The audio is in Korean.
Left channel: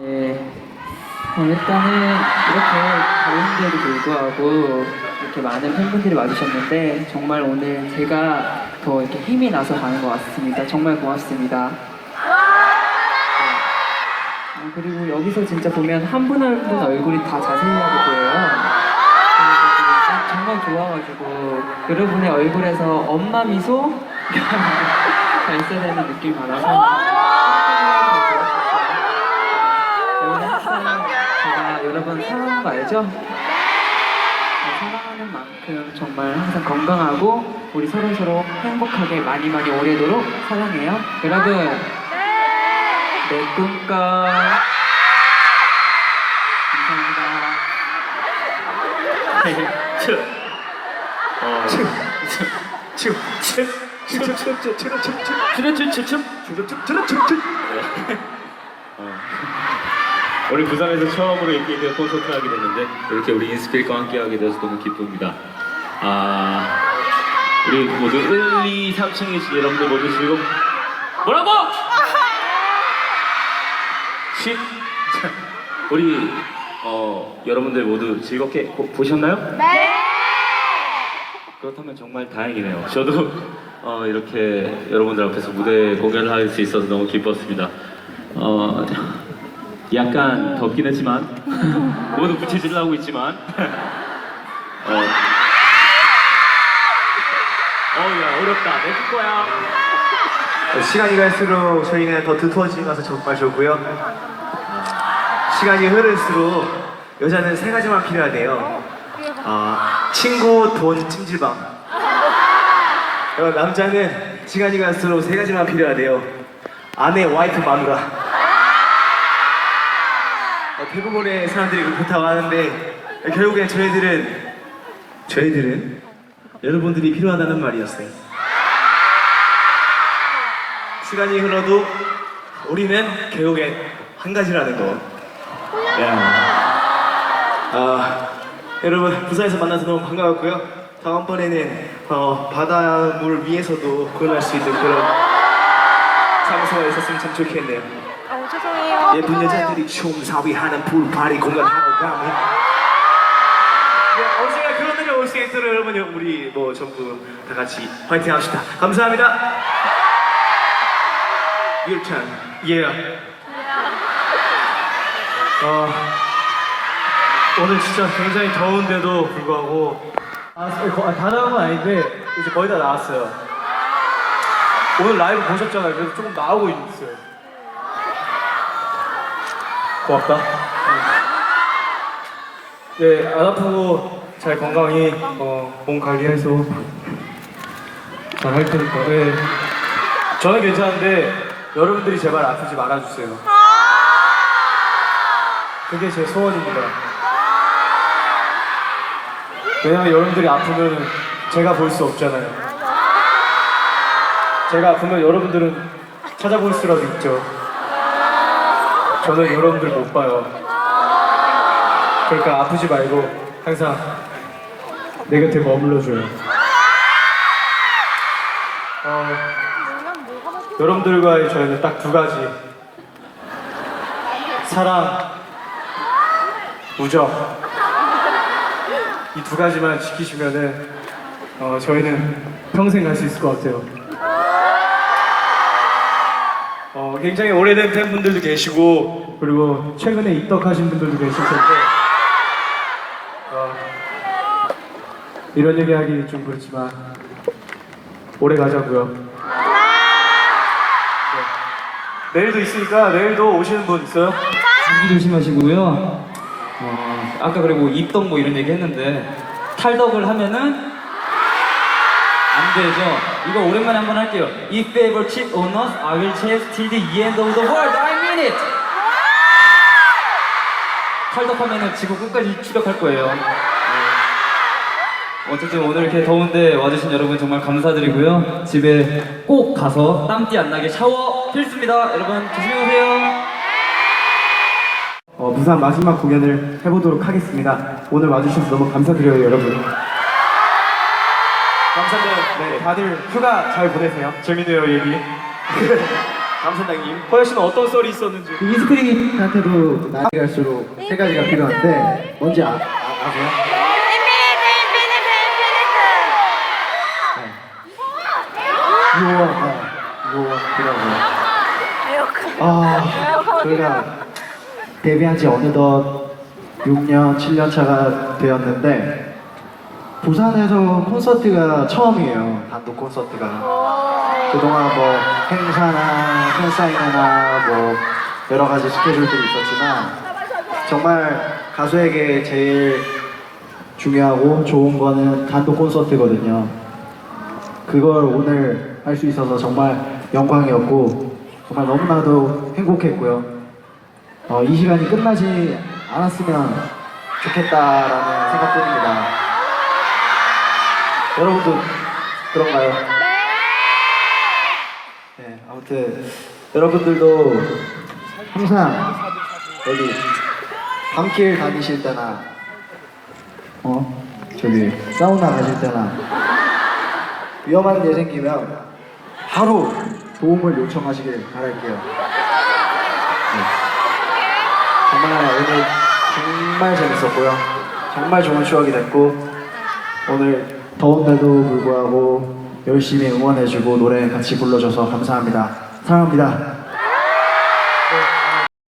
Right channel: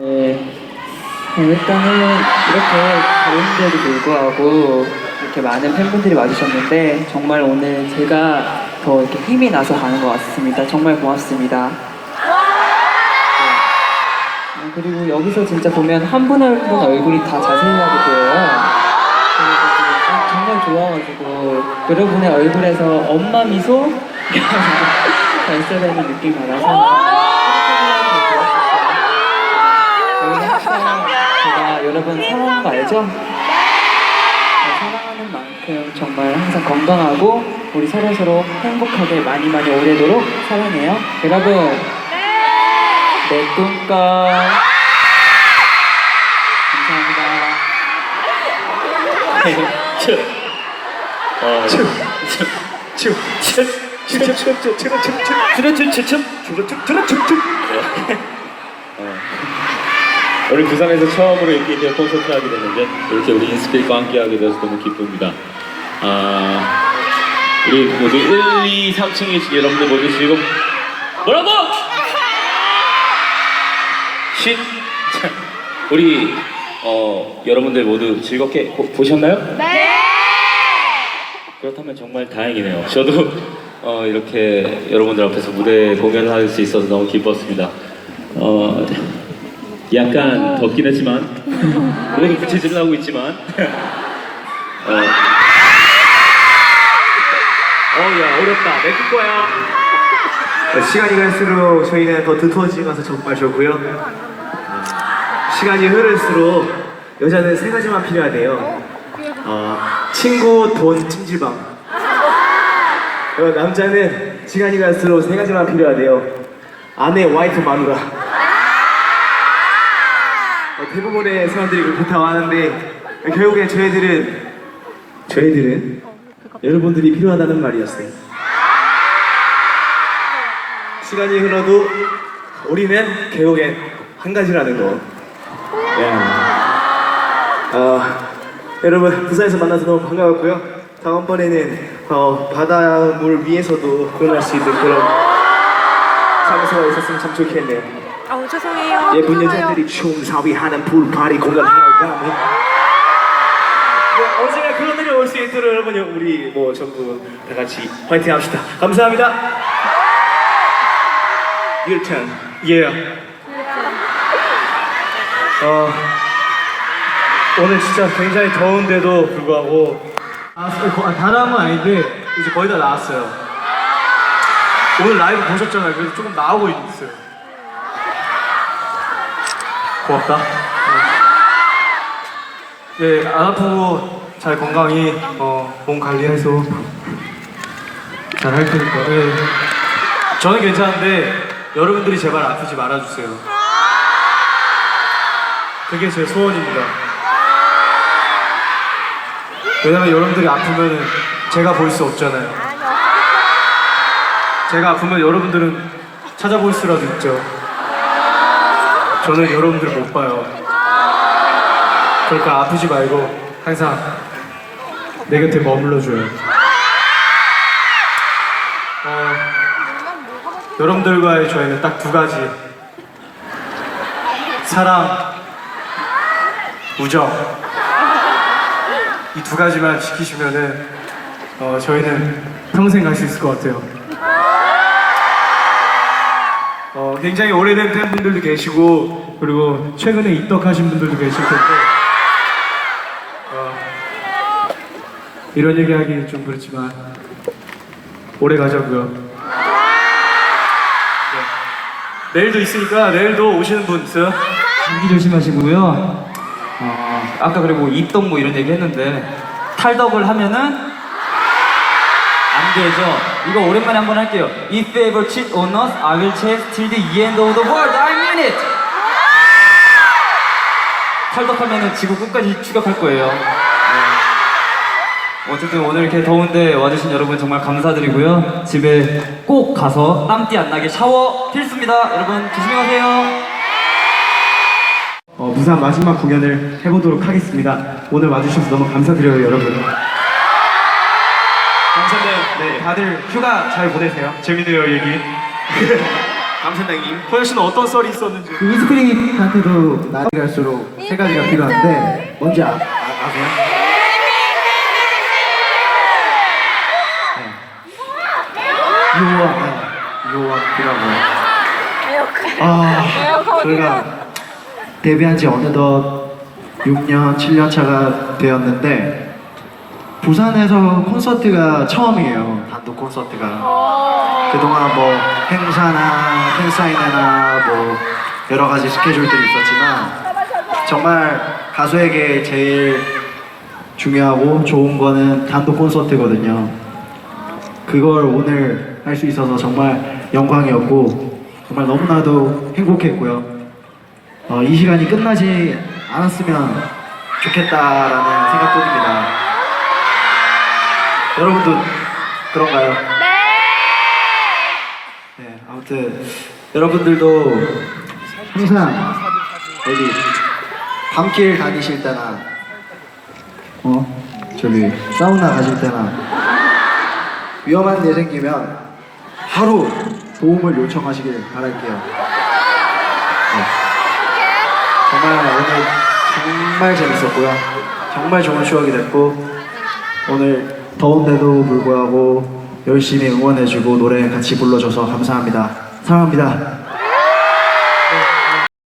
네, 어, 일단은 이렇게 더운데도 불구하고 이렇게 많은 팬분들이 와주셨는데 정말 오늘 제가 더 이렇게 힘이 나서 가는 것 같습니다. 정말 고맙습니다. 네. 어, 그리고 여기서 진짜 보면 한 분 한 분 얼굴이 다 자세하게 보여요. 정말 좋아가지고 여러분의 얼굴에서 엄마 미소 발사되는 느낌 받아서 저희는 항상 제가 여러분 사랑하는 거 알죠? 네, 사랑하는 만큼 정말 항상 건강하고 우리 서로 서로 행복하게 많이 많이 오래도록 사랑해요. 여러분 내 꿈꿔 감사합니다. 어, 오늘 부산에서 처음으로 이렇게 되어 콘서트 하게 됐는데 이렇게 우리 인스피릿과 함께 하게 돼서 너무 기쁩니다. 아, 우리 모두 1, 2, 3층에 여러분들 모두 지금 뭐라고? 쉿! 우리 어, 여러분들 모두 즐겁게 보, 보셨나요? 네! 그렇다면 정말 다행이네요. 저도 어, 이렇게 여러분들 앞에서 무대 공연을 할 수 있어서 너무 기뻤습니다. 어, 약간 덥긴 했지만 모두 부채질을 하고 있지만 어, 어야 어렵다 내 거야. 시간이 갈수록 저희는 더 두터워지면서 정말 좋고요. 시간이 흐를수록 여자는 세 가지만 필요하대요. 어, 친구, 돈, 찜질방. 남자는 시간이 갈수록 세 가지만 필요하대요. 아내, 와이프, 마누라. 어, 대부분의 사람들이 그렇다고 하는데 결국에 저희들은 저희들은 여러분들이 필요하다는 말이었어요. 시간이 흘러도 우리는 결국엔 한 가지라는 거. 야. 어, 여러분 부산에서 만나서 너무 반가웠고요. 다음번에는 어, 바닷물 위에서도 공연할 수 있는 그런 장소가 있었으면 참 좋겠네요. 어 죄송해요. 예쁜 여자들이 춤사위 하는 불파리 공연하러 가면 네, 언젠가 그런 날이 올 수 있도록 여러분 우리 뭐 전부 다 같이 화이팅 합시다. 감사합니다. Your turn. Yeah. 어, 오늘 진짜 굉장히 더운데도 불구하고 아, 다 나온 건 아닌데 이제 거의 다 나왔어요. 오늘 라이브 보셨잖아요. 그래서 조금 나오고 있어요. 고맙다. 예, 안 아프고 잘 건강히 어, 몸 관리해서 잘 할 테니까. 예. 저는 괜찮은데 여러분들이 제발 아프지 말아주세요. 그게 제 소원입니다. 왜냐면 여러분들이 아프면 제가 볼 수 없잖아요. 제가 아프면 여러분들은 찾아볼 수라도 있죠. 저는 여러분들 못 봐요. 그러니까 아프지 말고 항상 내 곁에 머물러줘요. 어, 여러분들과의 저희는 딱 두 가지. 사랑, 우정. 이 두 가지만 지키시면은 어, 저희는 평생 갈 수 있을 것 같아요. 굉장히 오래된 팬분들도 계시고 그리고 최근에 입덕하신 분들도 계실 텐데 어, 이런 얘기하기 좀 그렇지만 오래 가자고요. 네. 내일도 있으니까 내일도 오시는 분 있어요? 감기 조심하시고요. 어, 아까 그리고 입덕 뭐 이런 얘기 했는데 탈덕을 하면은 안 되죠. 이거 오랜만에 한번 할게요. If ever cheat on us, I will chase till the end of the world. I mean it. 탈덕하면은 지구 끝까지 추격할 거예요. 네. 어쨌든 오늘 이렇게 더운데 와주신 여러분 정말 감사드리고요. 집에 꼭 가서 땀띠 안 나게 샤워 필수입니다. 여러분 조심히 가세요. 어, 부산 마지막 공연을 해보도록 하겠습니다. 오늘 와주셔서 너무 감사드려요, 여러분. 감사합니다. 네, 다들 휴가 잘 보내세요. 재밌네요, 얘기. 감사장님. 호영 씨는 어떤 썰이 있었는지. 이스크림한테도 나이 갈수록 세 가지가 필요한데 뭔지 아, 아, 아세요? 네. 유언, 유언이라고. 아, 저희가 데뷔한 지 어느덧 6년, 7년 차가 되었는데 부산에서 콘서트가 처음이에요. 단독 콘서트가. 그동안 뭐 행사나 팬사인회나 뭐 여러 가지 스케줄들이 있었지만 정말 가수에게 제일 중요하고 좋은 거는 단독 콘서트거든요. 그걸 오늘 할 수 있어서 정말 영광이었고 정말 너무나도 행복했고요. 어, 이 시간이 끝나지 않았으면 좋겠다라는 생각뿐입니다. 여러분도 그런가요? 네, 아무튼 여러분들도 항상 어디 밤길 다니실 때나 어 저기 사우나 가실 때나 위험한 일 생기면 바로 도움을 요청하시길 바랄게요. 네. 정말 오늘 정말 재밌었고요. 정말 좋은 추억이 됐고 오늘 더운데도 불구하고 열심히 응원해주고 노래 같이 불러줘서 감사합니다. 사랑합니다.